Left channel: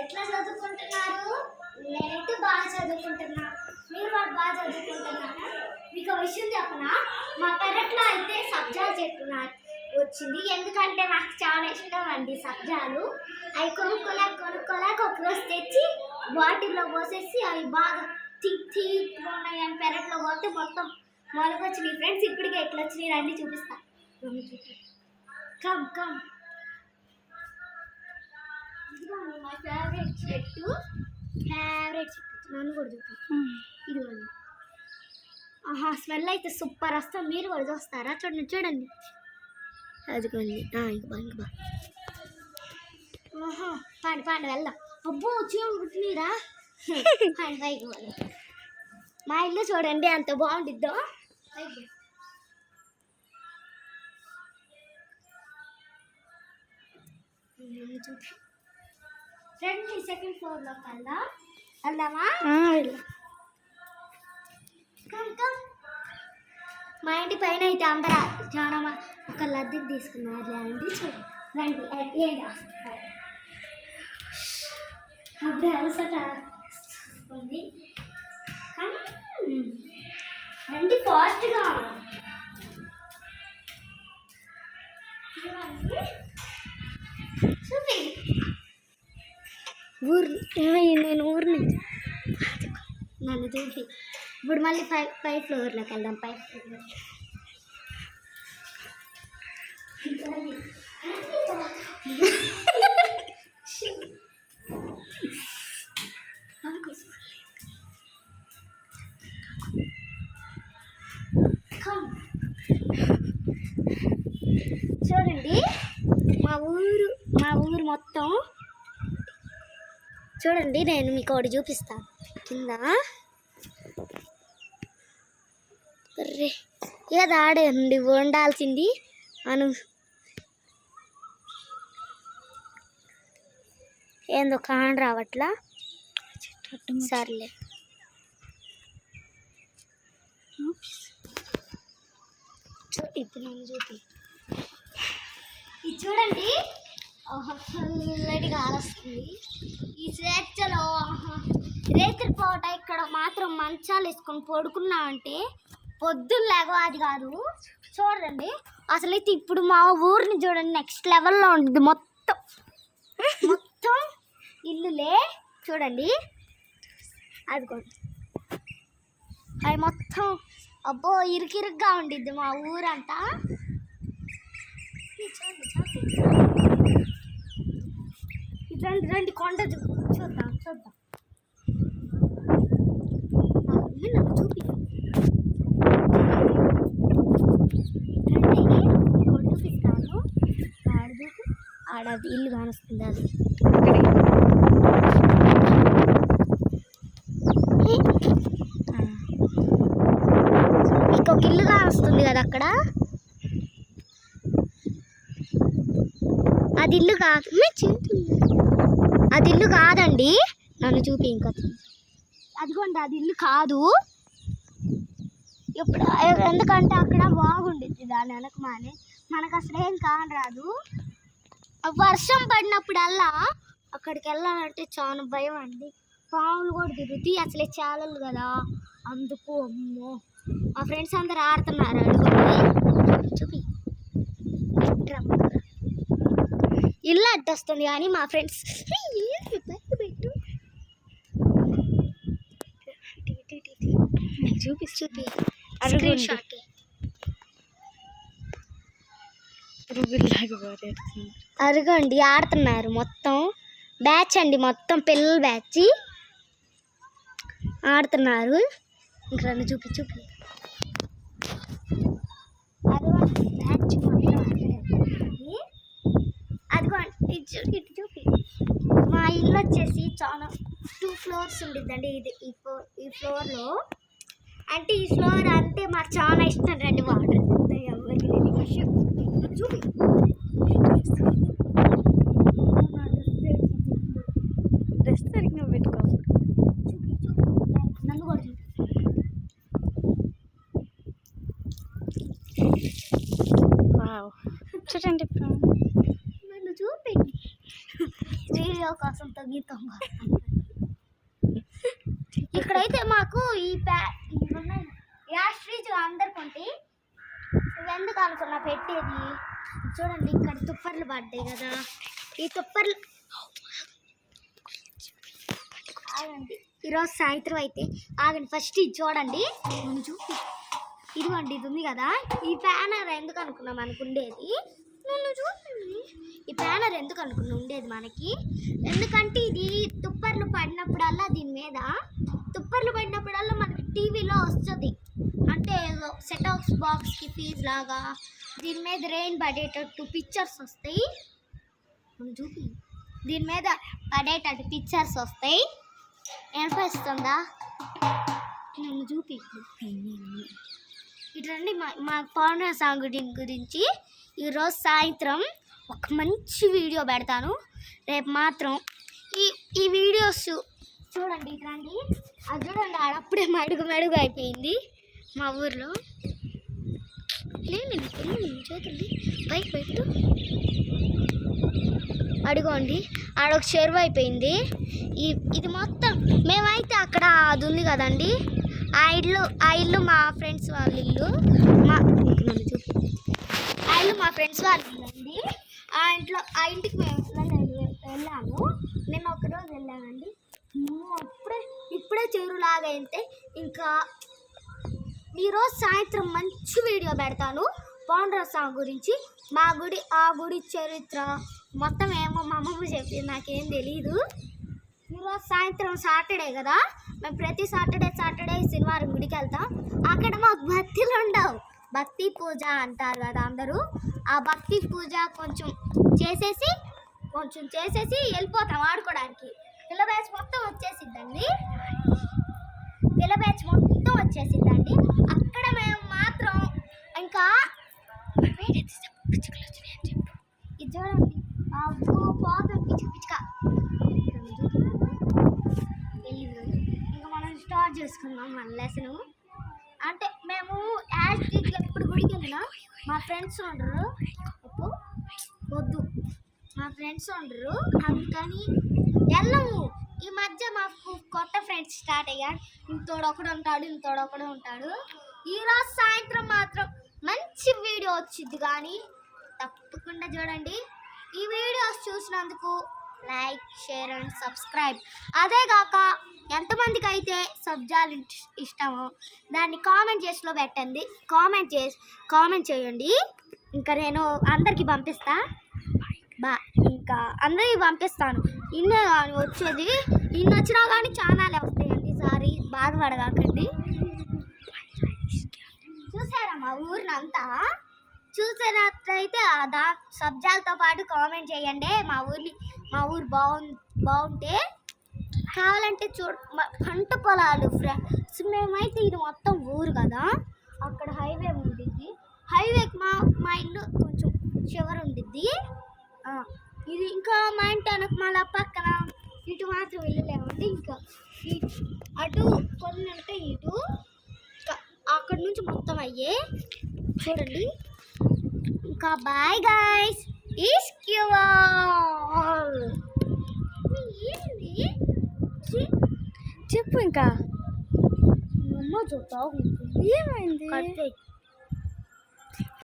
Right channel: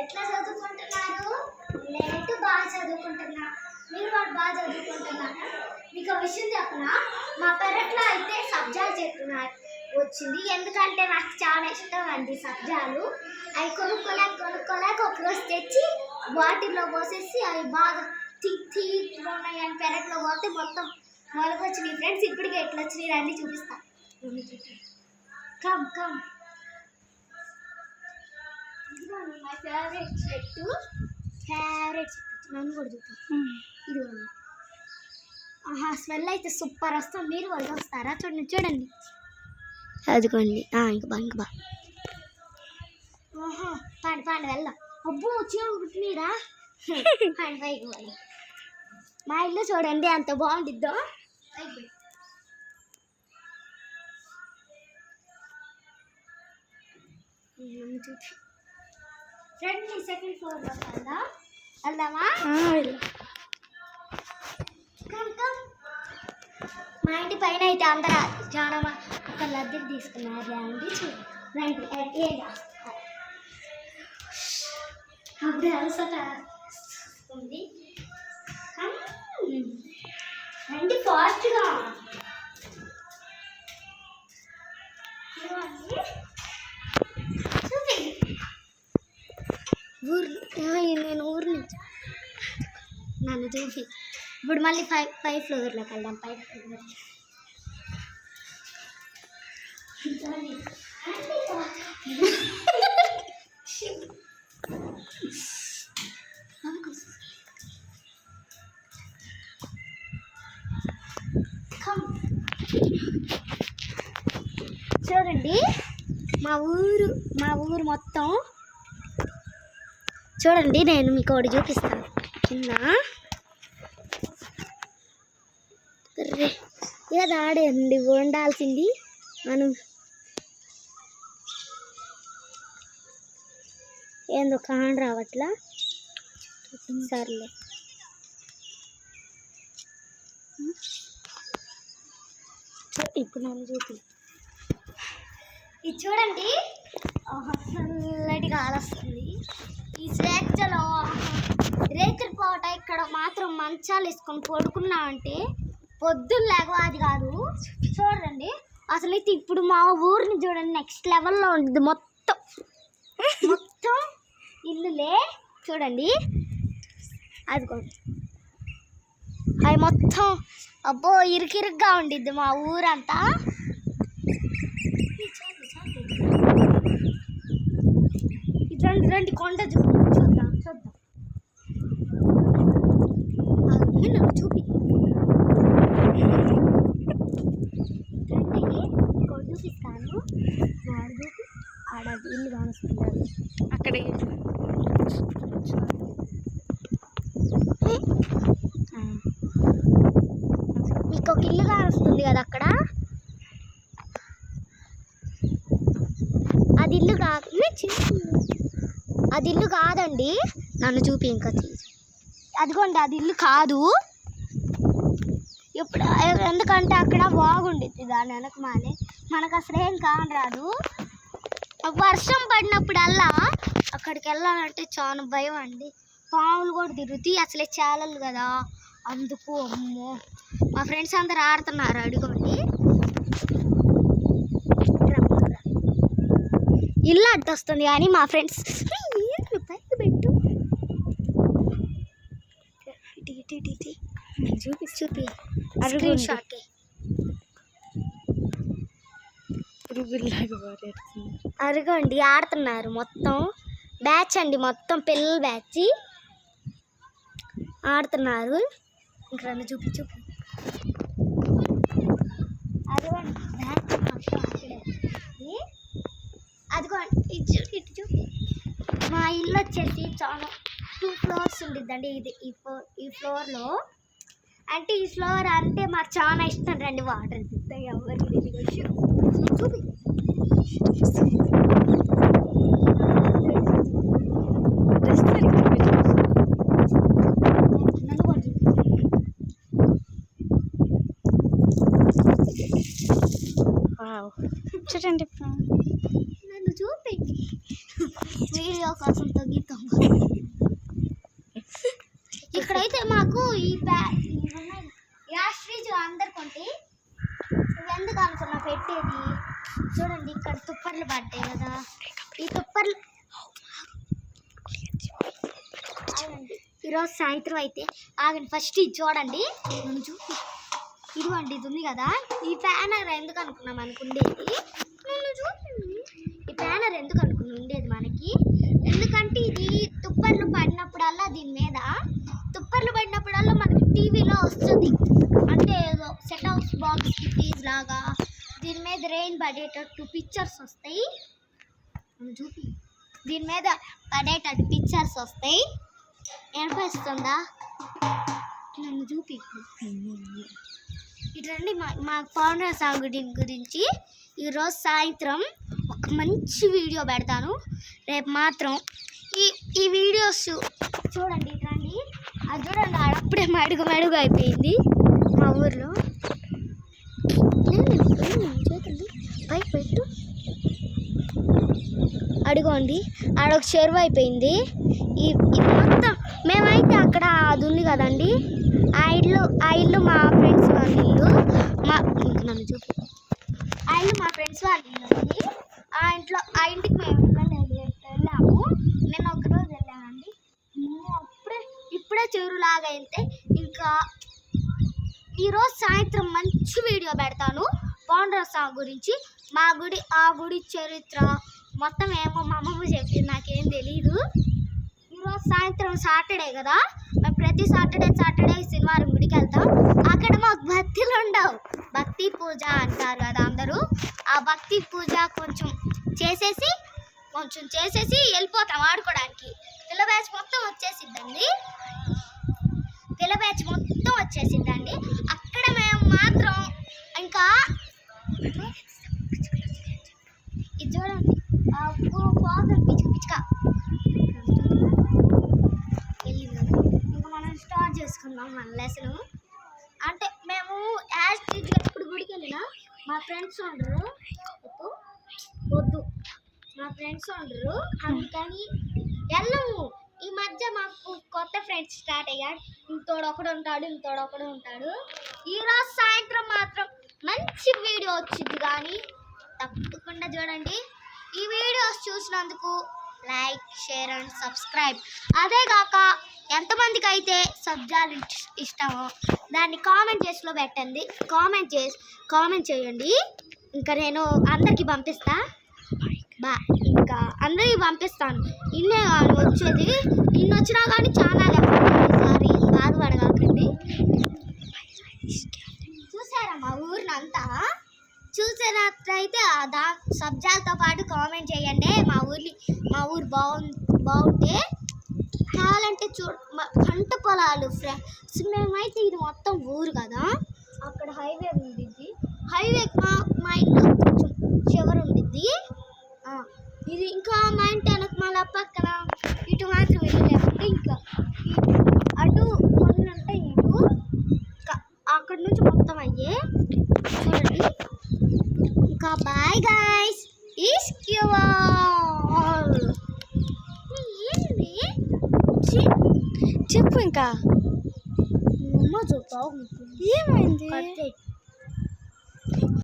ఎట్లా చదువుకుంటున్నారు? నేనైతే బాగా చదువుకుంటున్నా. మీరు వాళ్ళు బాగా చదువుకుంటున్నారా? మీకు ఒక విషయం చెప్పనా? మా పెరట్లో అయితే సబ్జాల చెట్టు వచ్చింది. ఎందుకంటే నాకు చాలా ఇష్టం అండి సబ్జాలు. అవి కొనుక్కోలేక ఒకరోజు తెచ్చి బాటిల్లో పోసేసి అవి బాగా తీగా ఉన్నాయి అని పెరట్లో పోతే మొత్తం మొలకొచ్చినాయి ఫ్రెండ్స్. ఇప్పటికే ఎట్లా వచ్చినాయి రండి చూపిస్తా. Come come. ఇదిగోండి మై ఫేవరెట్ చెట్టు. నన్ను కూడా చూపి. ఇదిగోండి. ఆహా, స్మెల్ అయితే సూపర్ వస్తుంది. మీరు కూడా వస్తారా? చూడండి. అదిగోండి. ఇంక బా. ఆహా, పాండి వెళ్దాం. అబ్బో చీమలు కుట్టినీరా. పైకి పోదాం. మా ఇల్లు చూడండి అంత బాగుండిద్దో. చూపి రండి. సెకండ్ ఫ్లోర్లో వెళ్దామా? కమ్. మా ఇంటి పైన అయితే అందరూ చాలా ఒక లద్దెలు తీసుకున్నారు. రండి రండి. ఏం చేస్తారు అప్పుడు అలసట ఉంది. రండి ఫాస్ట్గా. చూపి నేను ఊరు నుంచి నన్ను చూపి. ఇప్పుడు మళ్ళీ 5 ఫ్లోర్లోకి వెళ్దాం. 5 ఫ్లోర్. చూడండి మా ఊరు మొత్తం చూడండి. నేను మీకు ఒకటి చూపిస్తాను కింద. ఏదో ఆడండి వండాల్సింది మనం. ఏందో కాని రావట్లా. సర్లే. ఇప్పుడు నన్ను చూపి. ఇది చూడండి. చల్లటి గాలి వస్తుంది. ఈ స్వేచ్ఛలో రేతుల పూట ఇక్కడ మాత్రం మంచాలు వేసుకొని పడుకున్నామంటే పొద్దున్న లేగవాది కాదు. చూడండి అసలైతే ఇప్పుడు మా ఊరిని చూడండి నెక్స్ట్ లెవెల్లో ఉంటుంది. మొత్తం ఇల్లులే చూడండి. అదిగోండి అవి మొత్తం. అబ్బో ఇరుకిరుగ్గా ఉండిద్ది మా ఊరంతా. రండి కొండ చూద్దాం. నాకు చూపి. చూపిస్తాను. ఆడది ఇల్లు కానొస్తుంది. అది ఇంకొక ఇల్లు కానొస్తుంది కదా అక్కడ. అది ఇల్లు కాదండి. నన్ను చూపి. ఇంకా అదిగోండి అది ఇల్లు కాదు. ఇప్పుడు ఎందుకంటే అక్కడ బాగుండిద్ది దాని వెనకమానే. మనకు అసలు ఏం కానరాదు. వర్షం పడినప్పుడల్లా అక్కడికి వెళ్ళాలంటే చాలా భయం అండి. పాములు కూడా తిరుగుతాయి. అసలే చాలలు కదా అందుకు. అమ్మో మా ఫ్రెండ్స్ అందరు ఆడుతున్నారు అడుగుని. ఇల్లు అడ్డొస్తుంది కానీ మా ఫ్రెండ్స్ పెట్టు. చూపి. అరుగండి ఆడుతున్నారు మొత్తం బ్యాచ్ అండి. మొత్తం పిల్లల బ్యాచ్ ఆడుతున్నారు. ఇంకా చూపి. అదిగోండి బ్యాచ్ మొత్తం అదిగోండి. ఇటు చూపి. మా ఇల్లు వచ్చేసి చాలా 2 ఫ్లోర్స్ ఉండిద్దండి. ఈ ఫ్లోర్లో అంటే ఈ ఫ్లోర్ అంటే మాకు చాలా ఇష్టం. రండి వాటర్ ఎవరికి చూపి. నన్ను కూడా చూడండి. నన్ను చూపి. వీడియో కోసం తగ్గితాం. ఇక్కడైతే మాకు యాష్ ఫ్రిడ్జ్ అందరు కొంటే ఎందుకు అనుకున్నా పెట్టేది. చూడండి ఇక్కడ తుప్పర్లు పడ్డాయి కదా, ఈ తుప్పర్లు ఆగండి. ఈరోజు సాయంత్రం అయితే ఆగండి, ఫస్ట్ ఇది చూడండి. ఇదిగోండి, ఇది ఉంది కదా, ఈ ప్యానర్ ఎందుకు అనుకున్నాం అనుకుండేది. ఈ ప్యానర్ ఎందుకు అనుకున్నా ఉండేది మనకి, ఎందుకంటే ఇది తుప్పర్లు పడినప్పుడల్లా దీని మీద తుప్పర్లు పడినప్పుడల్లా మనకి టీవీలో వస్తుంది. అంటే సెట్ ఆఫ్ బాక్స్కి ఫీజ్ లాగా దీని మీద రెయిన్ పడేటట్టు పిక్చర్స్ వస్తాయి. చూపి, దీని మీద పడేటట్టు పిక్చర్స్ వస్తాయి. ఏనిపిస్తుందా? నన్ను చూపి. ఇట్లండి మా పౌర్ణ సాంగ్ గురించి ఈరోజు సాయంత్రం ఒక మంచి వీడియో పెడతాను. రేపు మాత్రం ఈ వీడియోస్ చూడండి. ఇట్లండి, అది చూడండి, అప్పుడే మడుగు అయిపోయింది మా ఊర్లో. చేతండి పైకి పెట్టు. అడుగోండి, ఆడొక చెరువు అయిపోయింది. ఇది మొత్తం మేమైతే అక్కడ అది ఉంది కదండి, ఆ ఇల్లు మా ఫ్రెండ్స్ వాళ్ళ ఇల్లు. నన్ను చూపి, ఆ ఇల్లు మా ఫ్రెండ్స్ వాళ్ళ ఇల్లు అండి. ఆ ఇంటికి మేము వెళ్ళాము. నేను ఒకరోజు వెళ్ళానండి. ఇప్పుడే చెరువులాగా అయితే ఇంకా ఈరోజు సాయంత్రం మంచి వీడియో పెడతాను పౌండ్రసా గురించి. ఆ గుడి చరిత్ర మొత్తం ఏమో మా అమ్మమ్మ చెప్పింది, నాకేం తెలీదు. ఈరోజు సాయంత్రం సాటర్డే కదా, మేము ప్రతి సాటర్డే శనివారం గుడికి వెళ్తాం. అక్కడ మాకు భక్తులు ఉండవు, భక్తి పూజ అంటారు కదా అందరూ. ఆ భక్తి పూజ కొంచెం చేసేసి వెళ్ళిపోతాం ఆడుకోవడానికి. పిల్ల బ్యాచ్ మొత్తం వచ్చేసిద్దండి. అక్కడ మేము మాత్రం ఇంకా ఇది చూడండి, పిచ్చుక ఇంకా మనం స్టార్ట్ చేసుకుందాం మన లెసన్. అంటే మేము యాస్ట్రీట్గా ఎప్పుడు గుడికి వెళ్ళినా మా ఫ్రెండ్స్ ఉండరు, అందుకని వెళ్ళము. ఈ మధ్య మాకు కొత్త ఫ్రెండ్స్ స్టార్ట్ అయ్యాడు, ఇంతోడొకడు ఉంటాడు. ఈరోజు సాయంత్రం మాత్రం మంచి వీడియో వచ్చింది, కానీ తప్పకుండా చూడండి. ఈ వీడియోస్ చూసినందుకు లైక్, షేర్ అండ్ సబ్స్క్రైబ్. అదే కాక ఎంతమందికి అయితే సబ్జాలు ఇష్టమో దాన్ని కామెంట్ చేసిలో పెట్టండి. కామెంట్ చేయండి. ఇంకా నేను అందరికీ పంపిస్తా. ఇంకా అందరికీ పంపిస్తాను. ఇన్నే కానీ వచ్చేది, ఇన్ని వచ్చినా కానీ ఛానల్ సారీ బాధపడగాకండి. చూసారా మా ఊరినంతా? చూసినట్లయితే సబ్జాలతో పాటు కామెంట్ చేయండి. మా ఊరు బాగుంటే కావాలంటే పంట పొలాలు మేమైతే ఇది మొత్తం ఊరు కదా, అక్కడ హైవే ఉండిద్ది. హైవేకి మా ఇంట్లో కొంచెం చివరి ఉండిద్ది. ఇది ఇంకా మా ఇంటి వెనక మళ్ళీ పక్కన ఇటు మాత్రం వెళ్ళలేమంటే ఇంకా అటు కొన్ని ఉంటాయి, ఇటు అక్కడి నుంచి మొత్తం అయ్యే. చూడండి, ఇంకా బాయ్ గైస్. చెప్పు. ఇంకా చెప్తావు ఏమైంది?